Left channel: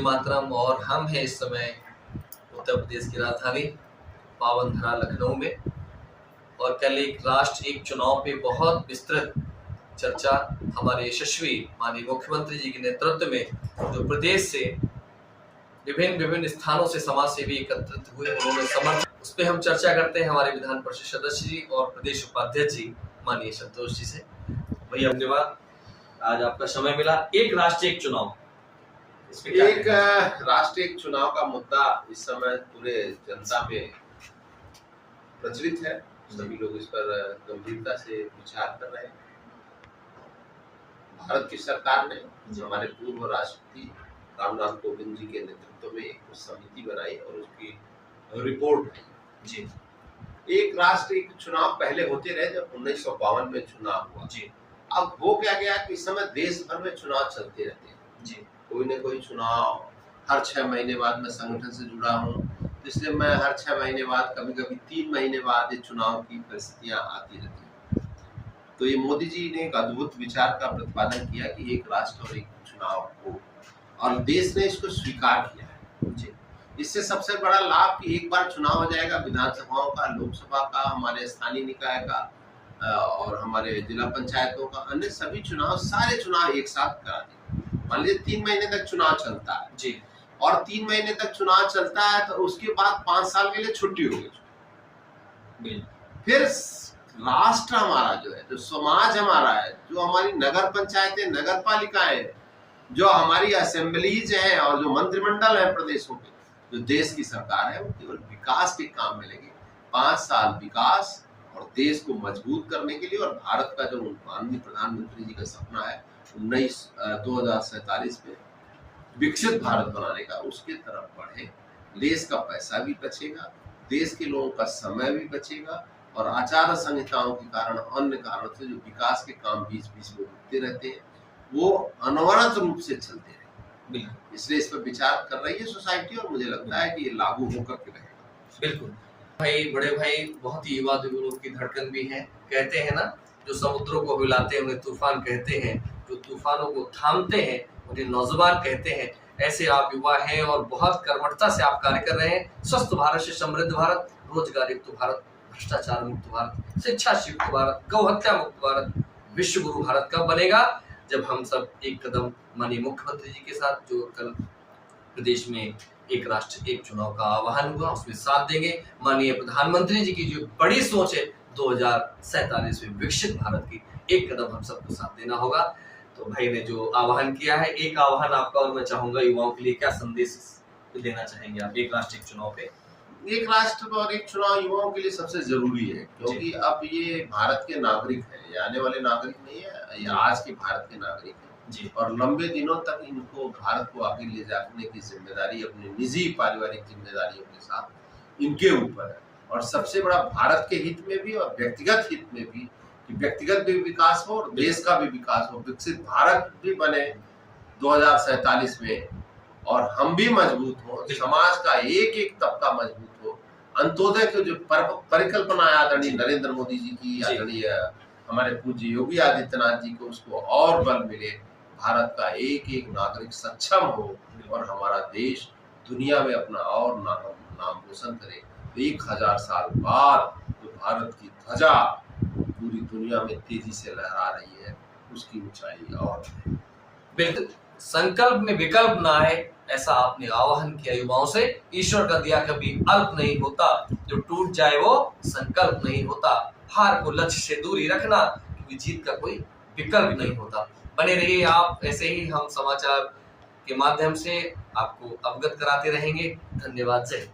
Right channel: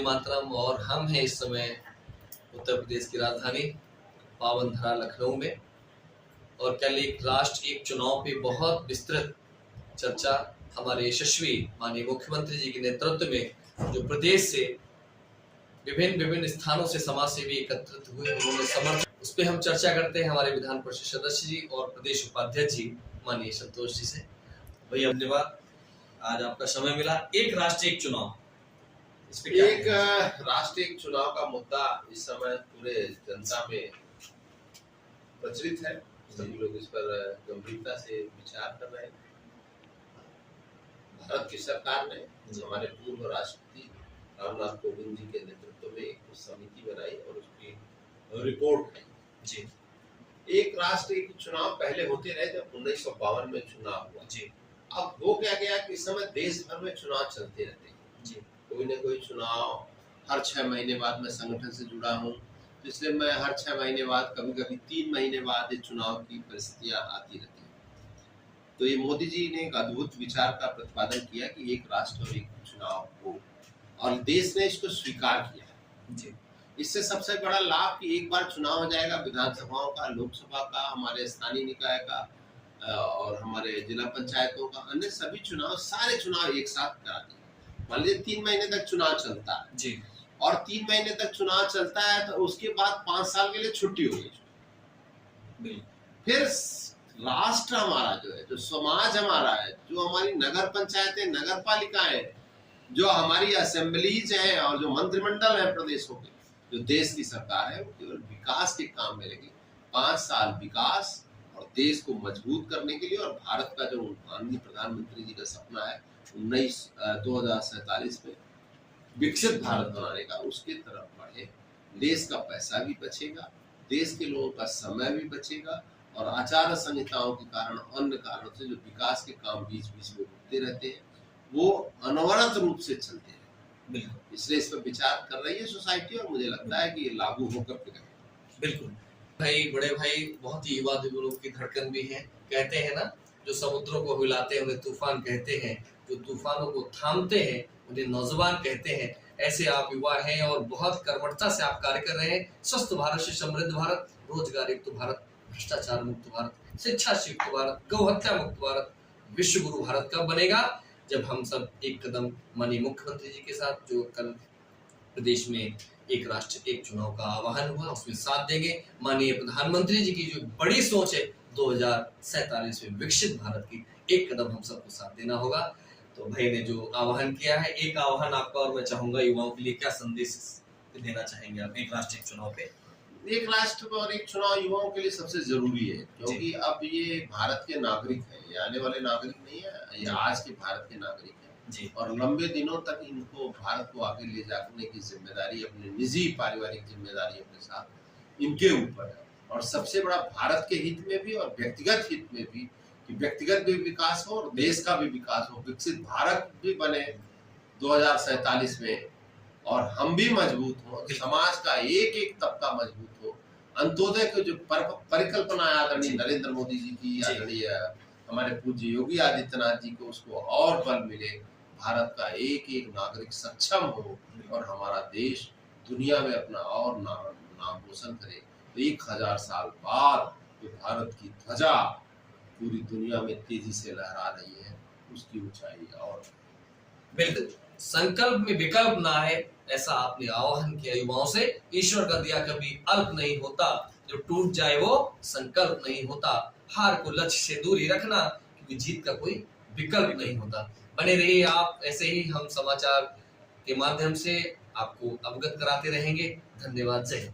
वंदे मातरम। और हम हैं इस समय उत्तर प्रदेश की राजधानी पावन धरा लखनऊ में, और कल एक राष्ट्र एक चुनाव पे बहुत विस्तृत चर्चा हमारे यशस्वी माननीय मुख्यमंत्री जी के नेतृत्व में जो प्रदेश से विभिन्न स्थानों से समाज सेवी एकत्रित हुए, उन्होंने समर्थन, उस पर हम चर्चा करते हैं हमारे विधान परिषद सदस्य जी और प्रदेश उपाध्यक्ष जी माननीय संतोष जी से। भैया धन्यवाद, आज आपका समय मिला। एक राष्ट्र एक चुनाव, इस पे क्या एक राष्ट्र एक चुनाव का मुद्दा इस समय पूरे जनता में प्रचलित है। सभी लोग इस पर गंभीरता से विचार कर रहे हैं। भारत की सरकार ने हमारे पूर्व राष्ट्रपति रामनाथ कोविंद जी के नेतृत्व में एक समिति बनाई और उसकी रिपोर्ट है जी। एक राष्ट्र एक चुनाव पहले होते रहे, जब 1952 में चुनाव हुआ जी। अब हो क्या गया कि इस समय देश भर में चुनाव चलते रहते हैं जी। कोई न कोई चुनाव हर 6 महीने बाद। मैं संगठन से जुड़ा हूँ, इसलिए मैं हर 6 महीने बाद, कभी कभी 3 महीने बाद ये चुनाव की परिस्थितियां आती रहती हैं। तो ये मोदी जी ने एक अद्भुत विचार का प्रतिपादन किया कि एक राष्ट्र और एक चुनाव हो, और देश ने इसको स्वीकार किया है जी। इससे सबसे बड़ा लाभ कि एक बार चुनाव हो जाएगा, विधानसभाओं का, लोकसभा का, हमारे स्थानीय निकाय का और हमारे जिला पंचायतों का, अन्य सभी चुनाव, सारे चुनाव एक साथ करा दें। मान लीजिए 3 महीने तक चुनाव चलता है जी, और 3 महीने तक चुनाव चलता है तो उसके बाद 5 साल के लिए छुट्टी होगी। फिर राष्ट्र हमारा जो है, जो समाज हमारा है, जो हमारी नगर पंचायतें, नगर पालिकाएं, जो हमारी असेंबलीज हैं और जो मंत्रिमंडल है प्रदेशों के, जो देश की सरकार है, वो केवल विकास के काम में लगे। 5 साल विकास और देश को मजबूत करने के लिए, और भारत का जो माननीय प्रधानमंत्री जी का सपना है 2047 में विकसित भारत बनाने का, उसके तरफ बढ़े। देश का पैसा भी बचेगा, देश के लोगों का समय भी बचेगा, और आचार संहिताओं के कारण, अन्य कारणों से जो विकास के काम बीच बीच में रुकते रहते हैं, वो अनवरत रूप से चलते रहेंगे। बिल्कुल, इसलिए इस पर विचार कर रही है सोसाइटी, और मुझे लगता है कि ये लागू होकर के रहेगा। बिल्कुल भाई, बड़े भाई बहुत ही युवा दिलों की धड़कन भी है। कहते हैं ना, जो समुद्रों को हिलाते हैं उन्हें तूफान कहते हैं, जो तूफानों को थामते हैं उन्हें नौजवान कहते हैं। ऐसे आप युवा हैं और बहुत कर्मठता से आप कार्य कर रहे हैं। स्वस्थ भारत से समृद्ध भारत, रोजगार युक्त भारत, भ्रष्टाचार मुक्त भारत, शिक्षा से युक्त भारत, गौहत्या मुक्त भारत, विश्व गुरु भारत कब बनेगा? जब हम सब एक कदम माननीय मुख्यमंत्री जी के साथ, जो कल प्रदेश में एक राष्ट्र एक चुनाव का आह्वान हुआ, उसमें साथ देंगे। माननीय प्रधानमंत्री जी की जो बड़ी सोच है 2047 में विकसित भारत की, एक कदम हम सबको साथ देना होगा। तो भाई ने जो आह्वान किया है, एक आह्वान आपका और मैं चाहूंगा युवाओं के लिए, क्या संदेश देना चाहेंगे आप एक राष्ट्र एक चुनाव पे? एक राष्ट्र और एक चुनाव युवाओं के लिए सबसे जरूरी है, क्योंकि अब ये भारत के नागरिक हैं, ये आने वाले नागरिक नहीं है, ये आज के भारत के नागरिक हैं जी। और लंबे दिनों तक इनको भारत को आगे ले जाने की जिम्मेदारी, अपनी निजी पारिवारिक जिम्मेदारियों के साथ इनके ऊपर है। और सबसे बड़ा भारत के हित में भी और व्यक्तिगत हित में भी, कि व्यक्तिगत भी विकास हो और देश का भी विकास हो, विकसित भारत भी बने 2047 में, और हम भी मजबूत हो, समाज का एक एक तबका मजबूत हो। अंत्योदय की जो परिकल्पना है आदरणीय नरेंद्र मोदी जी की, आदरणीय हमारे पूज्य योगी आदित्यनाथ जी को, उसको और बल मिले, भारत का एक एक नागरिक सक्षम हो और हमारा देश दुनिया में अपना और नाम रोशन करे। 1000 साल बाद जो भारत की ध्वजा पूरी दुनिया में तेजी से लहरा रही है, उसकी ऊंचाई और बिल्कुल, संकल्प में विकल्प ना है, ऐसा आपने आह्वान किया युवाओं से। ईश्वर का दिया कभी अल्प नहीं होता, जो टूट जाए वो संकल्प नहीं होता। हार को लक्ष्य से दूर ही रखना, क्योंकि जीत का कोई विकल्प नहीं होता। बने रहिए आप ऐसे ही, हम समाचार के माध्यम से आपको अवगत कराते रहेंगे। धन्यवाद। जय